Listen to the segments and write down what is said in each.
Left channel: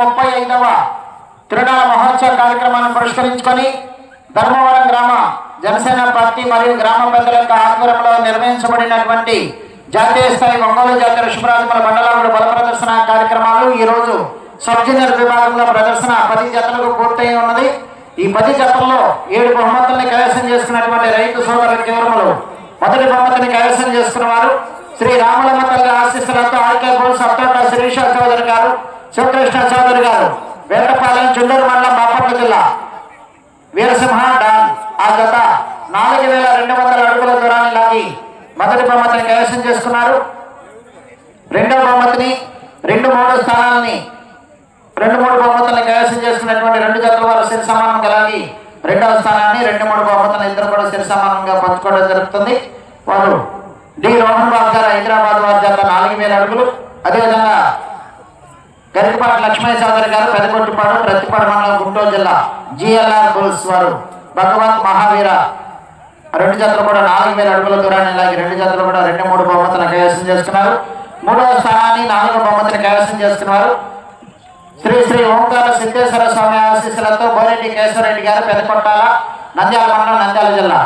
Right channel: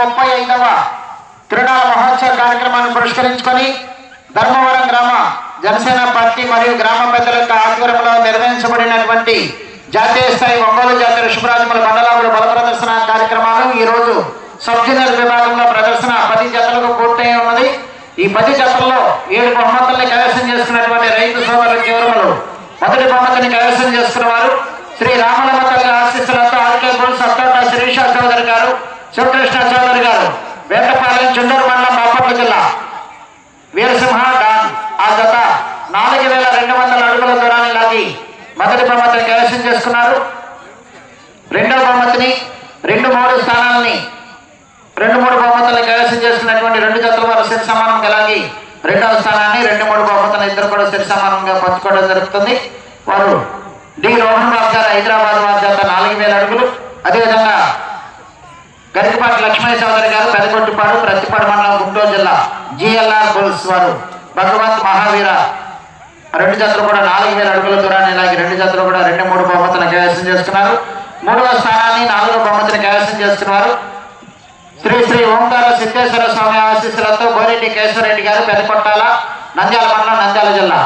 ముప్పై ఐదవ తిరునాళ మహోత్సవ కార్యక్రమాన్ని పురస్కరించుకొని ధర్మవరం గ్రామ జనసేన పార్టీ మరియు గ్రామ పెద్దల యొక్క ఆధ్వర్యంలో నిర్వహించబడినటువంటి జాతీయ స్థాయి ఒంగోలు జాతీయ ఋషభరాజుల మండలంలో బల ప్రదర్శన కార్యక్రమాలు ఈ రోజు సబ్ జూనియర్ విభాగంలో ప్రదర్శన పది జతలకు పూర్తయి ఉన్నది. ఈ పది జతల్లో ఏడు బహుమతుల్ని కైవసం చేసుకున్నటువంటి రైతు సోదరుల కేవలం మొదటి బహుమతిని కైవసం చేస్తున్నారు. శ్రీ రామలమ్మ తల్లి ఆశీస్సులతో అత్తోట చౌదరి గారు శివకృష్ణ చౌదరి గారు వేటపాలెం చుండూరు మండలం బాపట్ల జిల్లా. వీరసింహ డామ్ ఆ జత నాలుగు వేల రెండు వందల అడుగుల దూరాన్ని లాగి మొదటి బహుమతిని కైవసం చేసుకున్నారు. రెండవ బహుమతిని రెండు మూడు స్థానాలని రెండు మూడు బహుమతులను కైవసం చేసుకున్నటువంటి రెండు జతల వారు శిర సమానంగా రెండవ స్థానాన్ని రెండు మూడు బహుమతులు ఇద్దరు కూడా శిర సమానంగా పంచుకోవడం జరుగుతుంది. వారు డి. రోహన్ రాజు గారు హైదరాబాద్ రాజు నాలుగు వేల అడుగులు. అదేవిధంగా గరికపాటి లక్ష్మీ సోదరి గారు పెదగొట్టుపాడు ప్రతిపాడు మండలం గుంటూరు జిల్లా జిఎల్ఆర్ బుల్స్ వారు. భగవంత్ మహావీర రెండు జతలు కూడా నాలుగు వేల అడుగుల దూరాన్ని ఇలాగే రెండు జతలు కూడా రెండు మూడు బహుమతులు కైవసం చేసుకున్నారు. మూడవ స్థానాన్ని నాలుగో బహుమతులు కైవసం చేసుకున్నారు. శ్రీ శ్రీ ఓంకార సిద్ధేశ్వర స్వామి ఆశీస్సులతో గోరెడ్డి కేశవరెడ్డి గారు పెదకొట్టాల నంద్యాల మండలం నంద్యాల జిల్లా.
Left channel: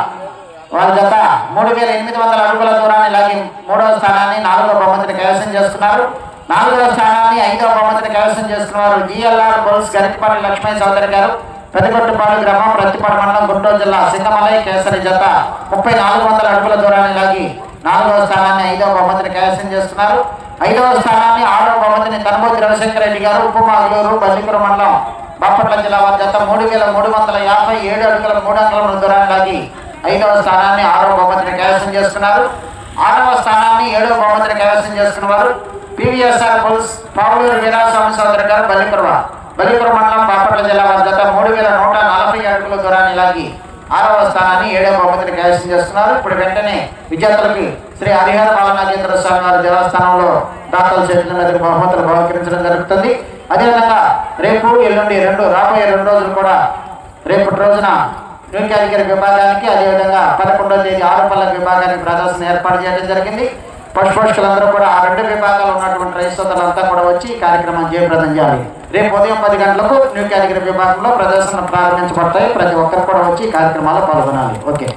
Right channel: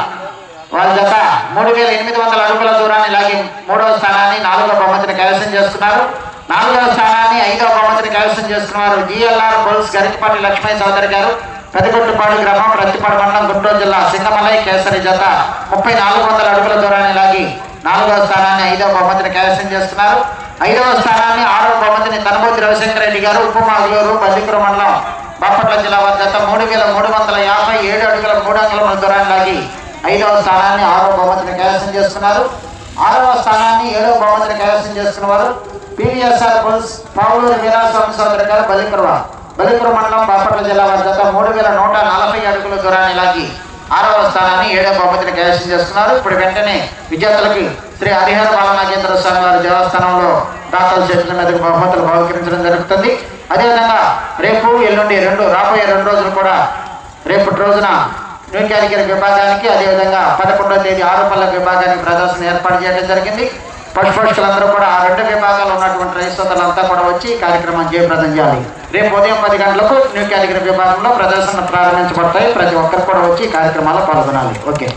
వాళ్ళ జత మూడు వేల ఎనిమిది వందల అడుగుల దూరాన్ని ఇలాగే మూడవ స్థానాన్ని నాలుగో బహుమతిని కైవసం చేస్తున్నారు నాలుగవ స్థానాన్ని ఐదవ బహుమతిని కైవసం చేస్తున్నారు జిఎల్ఆర్ బోల్స్ గరికపల్లి లక్ష్మీ చౌదరి గారు. పెదకొట్టుపాడు గ్రామం ప్రతిపాడు మండలం గుంటూరు జిల్లా సింగమలై కేసరి జత ముప్పై నాలుగు వందల అడుగుల దూరాన్ని లాగి నాలుగవ స్థానాన్ని ఐదవ బహుమతిని కైవసం చేస్తున్నారు ఐదవ స్థానాన్ని ఆరవ బహుమతిని తనమూతి రవిశంకర రెడ్డి గారు ఉపమాగులూరు బల్లిపురం మండలం బాపట్ల జిల్లా జత మూడు వేల మూడు వందల యాభై ఏడు అడుగుల మూడు అంగుళం దూరాన్ని లాగి ఐదవ స్థానాన్ని ఆరవ బహుమతిని కైవసం చేస్తున్నారు ఆరవ స్థానాన్ని ఏడవ బహుమతిని కైవసం చేస్తున్నారు పివిఎస్ఆర్ హౌస్ పావులూరు వీరాస్వామి సంవత్సరాల గారు బలిపురం బలిపురం మండలం బాపట్ల జిల్లా వద్ద మూడు వేల నూట నలభై అడుగుల దూరాన్ని లాగి ఆరవ స్థానాన్ని ఏడవ బహుమతిని కైవసం చేస్తున్నారు. ఇప్పుడు వెంటనే విజేతలకి శ్రీ హరిహర రామనాగేంద్ర స్వామి వారి దేవస్థానంలో దాఖలు చేసిన మీద బహుమతులు బహుకరించడం జరుగుతుంది. అదేవిధంగా రేపు ఎల్లుండి రెండు రాబోయే రెండు రోజులు కూడా రేపటి రోజున న్యూ క్యారిగిరి విభాగానికి అదేవిధంగా పదకొండవ తేదీ ఆరోపణల విభాగానికి ప్రదర్శన ఏర్పాటు చేయడం జరిగింది. పశుపక్షులందరూ కూడా ఆ రెండు విభాగాలు ఉన్నటువంటి రైతులంతా కూడా వచ్చి ఈ కార్యక్రమం జయప్రదం చేయాలి. రేపు ఉదయం పది గంటలకు న్యూ క్యారిగిరి విభాగంలో ప్రదర్శన ప్రారంభించబడతాయి. ప్రతి ఒక్కరు కూడా వచ్చి ఈ కార్యక్రమాల్లో పాల్గొనాలి. ఓకే.